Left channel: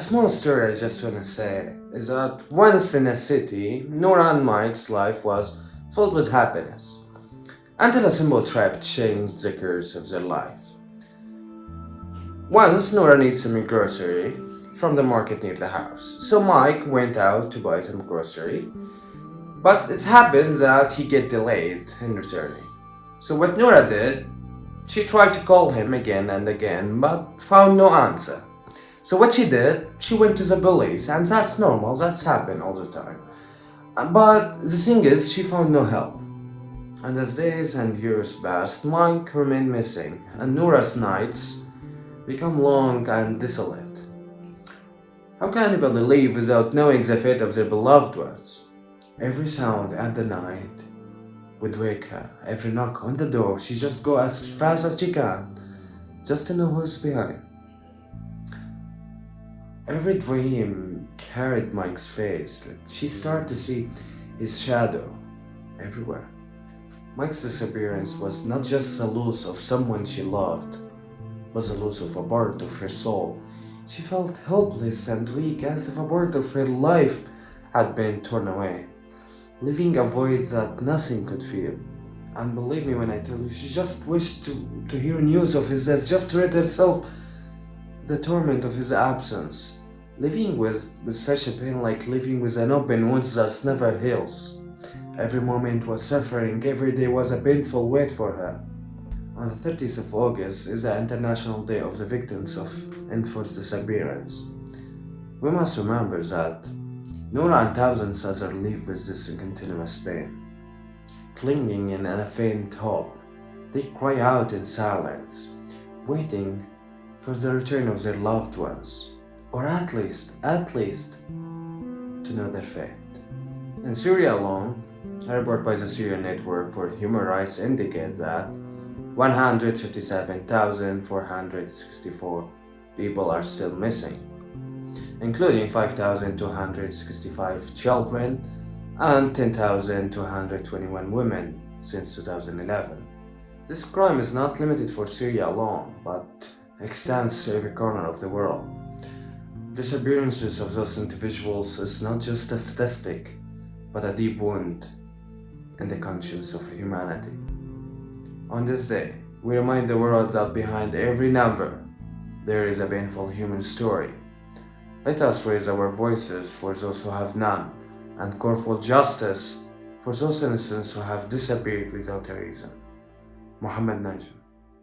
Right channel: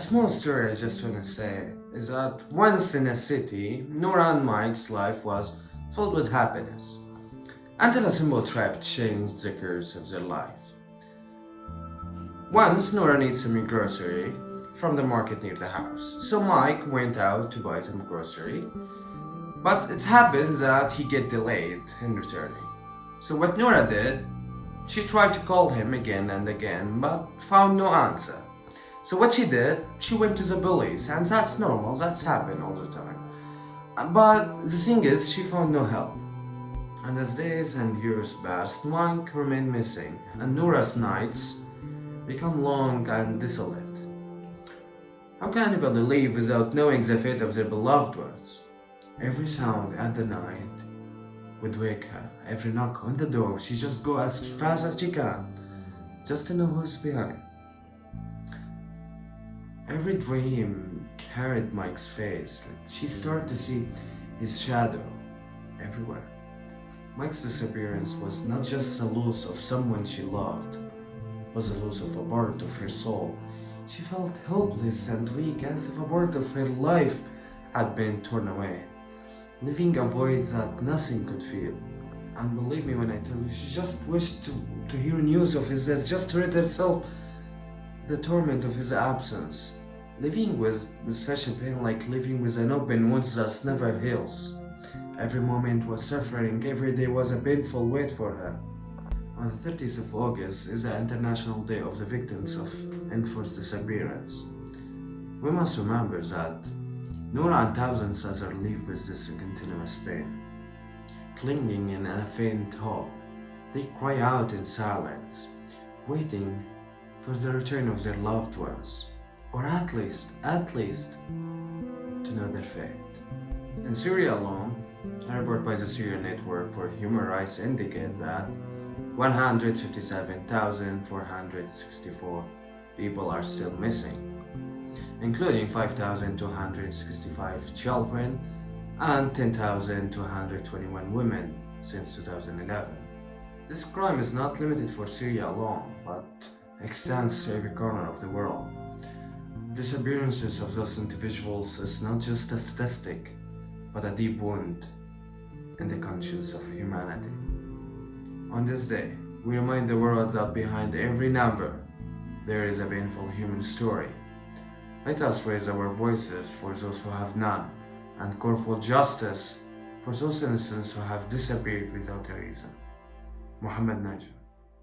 small story I just want to say is that once in a city, Nora and Mike's life was filled with happiness until a simple trap changed the course of their life. Once, Nora needs some grocery from the market near the house, so Mike went out to buy some grocery, but it happened that he get delayed in returning. So what Nora did, she tried to call him again and again, but found no answer. So what she did, she went to the police, and that's normal, that's happened all the time. But the thing is, she found no help. And as days and years passed, Mike remained missing, and Nora's nights become long and desolate. How can anybody live without knowing the fate of their beloved ones? Every sound at the night would wake her. Every knock on the door, she just go as fast as she can, just to know who's behind. Every dream carried Mike's face. She started to see his shadow everywhere. Mike's disappearance was not just the loss of someone she loved, it was the loss of a part of her soul. She felt helpless and weak, as if a part of her life had been torn away, leaving a void that nothing could fill. And believe me when I tell you, she just wished to hear news of his death, just to rid herself the torment of his absence. Living with such a pain, like living with an open wound that never heals. Every moment was suffering, every day was a painful wait for her. On the 30th of August is the International Day of the Victims of Enforced Disappearance. We must remember that Nora and thousands others live with this continuous pain. Clinging in a faint hope, they cry out in silence, waiting for the return of their loved ones, or at least to know their fate. In Syria alone, a report by the Syrian Network for Human Rights indicates that 157,464 people are still missing, including 5,265 children and 10,221 women since 2011. This crime is not limited for Syria alone, but extends to every corner of the world. Disappearances of those individuals is not just a statistic, but a deep wound in the conscience of humanity. On this day, we remind the world that behind every number, there is a painful human story. Let us raise our voices for those who have none, and call for justice for those innocents who have disappeared without a reason. Najem.